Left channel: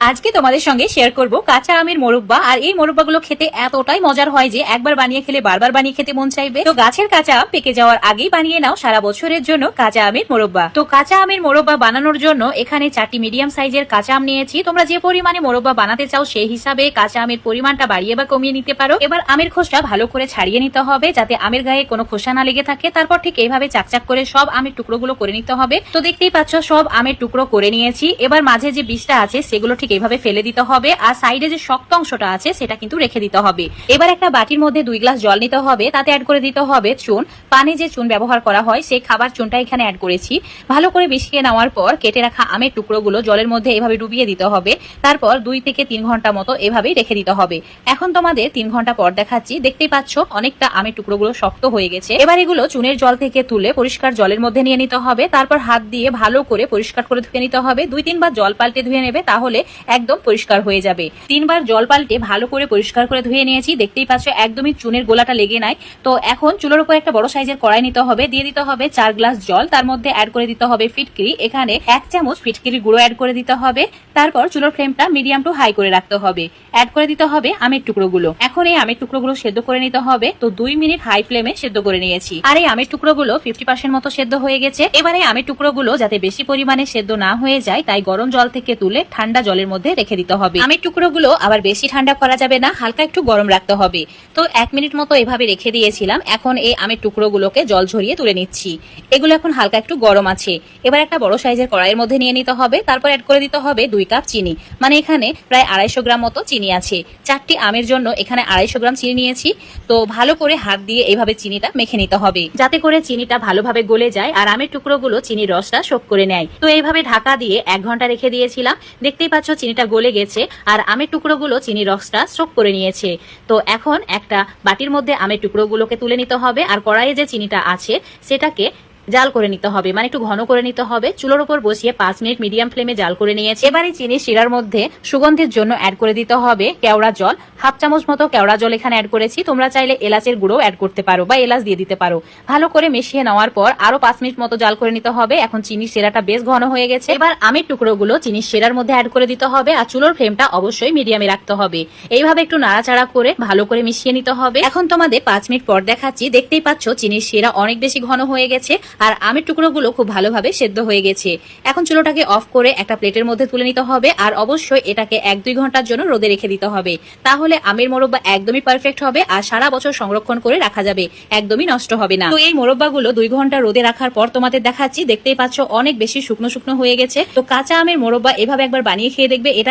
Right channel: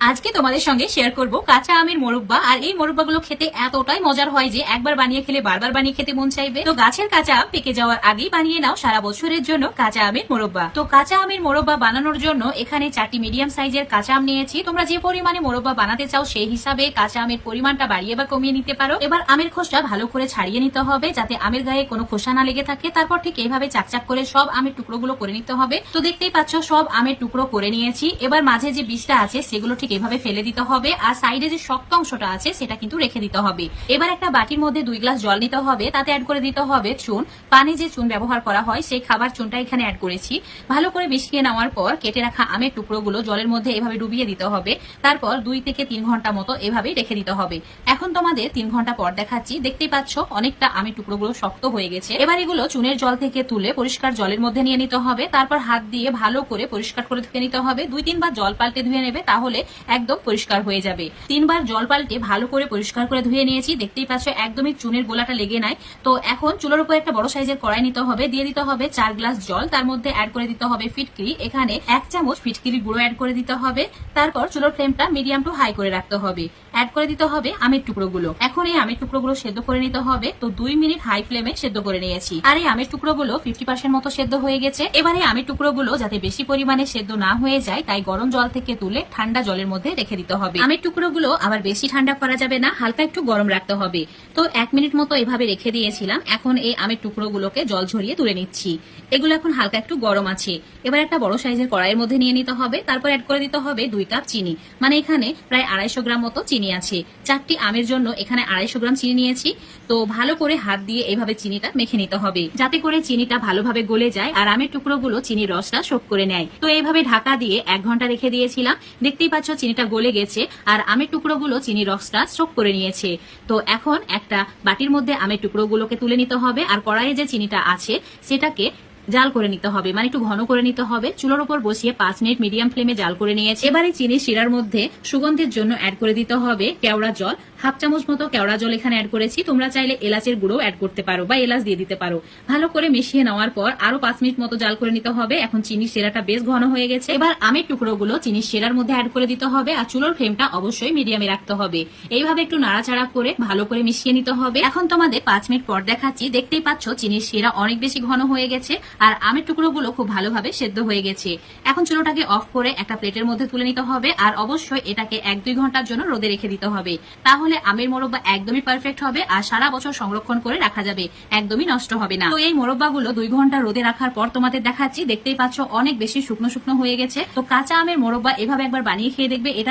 আজকে তোমাদের সঙ্গে শেয়ার করব কাঁচা আমের মোরব্বা। আর এই মোরব্বাগুলো খেতে এতটাই মজার হয় যে একবার বানিয়ে খেলে বারবার বানিয়ে খেতে মন চাইবে। তো গাছের কাঁচা আম পেকে যাওয়ার আগেই বানিয়ে নাও সারা বছরের জন্য কাঁচা আমের মোরব্বা। তো কাঁচা আমের মোরব্বা বানানোর জন্য এখানে চারটি মিডিয়াম সাইজের কাঁচা আম নিয়েছি। তোমরা যে পরিমাণে মোরব্বা বানাতে চাও সেই হিসাবে কাঁচা আমের পরিমাণটা বাড়িয়ে বা কমিয়ে নিতে পারো। এবার আমের খোসা ভালো করে ছাড়িয়ে নিতে হবে যাতে আমের গায়ে কোনো খোসা না লেগে থাকে। তারপর ঠিক এইভাবে চাকচাক করে সব আমের টুকরোগুলো করে নিতে হবে। তো দেখতেই পাচ্ছ সব আমের টুকরো করে নিয়েছি। এবার মাঝে যে বীজটা আছে সেগুলো ঠিক এইভাবে ফেলে দিতে হবে। আর সাইডে যে শক্ত অংশটা আছে, সেটা কিন্তু রেখে দিতে হবে। এবার একটা বাটির মধ্যে দুই গ্লাস জল নিতে হবে। তাতে অ্যাড করে দিতে হবে চুন। পানি যে চুন ব্যবহার করা হয়, সেই খাবার চুনটা এখানে অ্যাড করেছি। ভালো করে মিশিয়ে নেওয়ার পর, কেটে রাখা আমের টুকরোগুলো জলের মধ্যে এভাবে ডুবিয়ে দিতে হবে। তারপর দুই থেকে তিন ঘণ্টা মতো এভাবেই রেখে দিতে হবে। এখন তোমাদের তিন ঘণ্টা পর দেখাচ্ছি। দেখতেই পাচ্ছ, অনেকটা আমের টুকরোগুলো শক্ত হয়ে গেছে। এবার এগুলো চুনের জল থেকে তুলে পরিষ্কার জলের মধ্যে নিয়ে নিতে হবে। তারপর হাত দিয়ে ভালো করে পরিষ্কার করে ধুয়ে নিতে হবে। দুই তিনবার জল পাল্টে ধুয়ে নেবে, তাহলে একদম পরিষ্কার হয়ে যাবে। তিনবার জল পাল্টে ভালো করে পরিষ্কার করে ধুয়ে নিয়েছি। দেখতেই পাচ্ছ, একদমই চুনের গোলাটা লেগে নাই। তো এখন চুলোর উপর একটা বড় সাইজের কড়াই নিতে হবে। দিয়ে দিতে হবে চার গ্লাস জল। তার মধ্যে অ্যাড করে দিতে হবে ফিটকিরি। এখানে এক চামচ ফিটকিরি গুঁড়ো অ্যাড করে দিতে হবে। তারপর চুলোর ফ্লেমটা মিডিয়াম টু হাই করে রাখতে হবে। অ্যাড করে দিতে হবে আমের টুকরোগুলো। এখন এই আমের টুকরোগুলো সেদ্ধ করে নিতে হবে। তো দুই মিনিট হাই ফ্লেমে সেদ্ধ করে নিয়েছি। আর এই আমের টুকরোগুলো ফিফটি পার্সেন্ট মতো সেদ্ধ হয়ে গেছে। এবারে আমের টুকরোগুলো যাতে বেশি পরিমাণে সেদ্ধ না হয়ে যায়, তাই গরম জল থেকে তুলে ঠান্ডা জলের মধ্যে রেখে দিতে হবে। আমের টুকরোগুলো আবার বেশি ঠান্ডা করা যাবে না, হালকা একটু গরম রাখতে হবে। তো এক মিনিট মতো এভাবে রেখে দিয়েছিলাম। এখন এই আমের টুকরোগুলোকে জল ঝরিয়ে তুলে নিচ্ছি। এগুলো এখন হালকা একটু গরম আছে। এবার একটা বড় সাইজের কড়াইয়ের মধ্যে নিয়ে নিতে হবে। তারপর অ্যাড করে দিতে হবে দুই কাপ চিনি। মানে এখানে প্রায় আড়াইশো গ্রাম মতো চিনি আছে। চারটি আমের জন্য এখানে আড়াইশো গ্রাম চিনি নিয়েছি। তো ভালো করে হাত দিয়ে এইভাবে চিনিটা মেখে নিতে হবে। যাতে করে চিনিটা ভালোভাবে গলে যায় আর আমের টুকরোগুলো চিনির রসটা শোক করে নেয়। তো এইভাবে ঢাকা দিয়ে এক ঘণ্টা রেখে দিয়েছিলাম। দেখতেই পাচ্ছ চিনিটা গলে গেছে আর আমের টুকরোগুলো চিনির রসটা শোক করে নিয়েছে। তো এখন একটা বাটির মধ্যে আমের টুকরোগুলোকে তুলে নিতে হবে। আর কড়াইয়ে যে চিনিটা আছে, সেটাকে জাল করে নিতে হবে মানে একটু ঘন করে নিতে হবে। চুলোর উপর বসিয়ে পাঁচ মিনিট মিডিয়াম ফ্লেমে জাল করে নিয়েছে। এবারে চিনি শিরার মধ্যে সুগন্ধের জন্য অ্যাড করে দিতে হবে কেওড়া জল। হাফ চামচ মতো কেওড়া জল এখানে অ্যাড করেছি। তোমরা চাইলে এলাচের গুঁড়ো অ্যাড করতে পারো বা এলাচ দিয়ে দিতে পারো। ভালো করে মিশিয়ে নেওয়ার পর আরও পাঁচ মিনিট মতো জাল করে নিতে হবে। এখন চিনির শিরাটা বেশ ঘন হয়ে গেছে। এবার আমের টুকরোগুলো চিনির শিরার মধ্যে অ্যাড করে দিতে হবে আর চুলোর ফ্লেমটা অবশ্যই মিডিয়ামে রাখতে হবে। এইভাবে একটু নাড়াচাড়া করে ভালো করে মিশিয়ে নিতে হবে। এখন তোমাদের পাঁচ মিনিট পর দেখাচ্ছি। দেখতেই পাচ্ছ, চিনির শিরা অনেক বেশি ঘন হয়ে গেছে। আর আমের টুকরোগুলো খুব ভালোভাবে সেদ্ধ হয়ে গেছে। এখন চুলোটাকে অফ করে একটা প্লেটের মধ্যে তুলে নিতে হবে আর অবশ্যই এটাকে এক দুই ঘণ্টার জন্য রোদে রেখে দিতে হবে। তাহলে আমের মোরব্বা একদমই পারফেক্ট হবে আর সারা বছর সংরক্ষণ করে রাখা যাবে। একদমই নষ্ট হবে না। তো এই মোরব্বাগুলো দুই ঘণ্টা রোদে রাখার পর তোমাদের দেখাচ্ছি, দেখতেই পাচ্ছ অনেক বেশি শুকনো শুকনো হয়ে গেছে। তো কাঁচা আমের মোরব্বা এভাবে একবার বানিয়ে খেয়ে দেখবে, এটা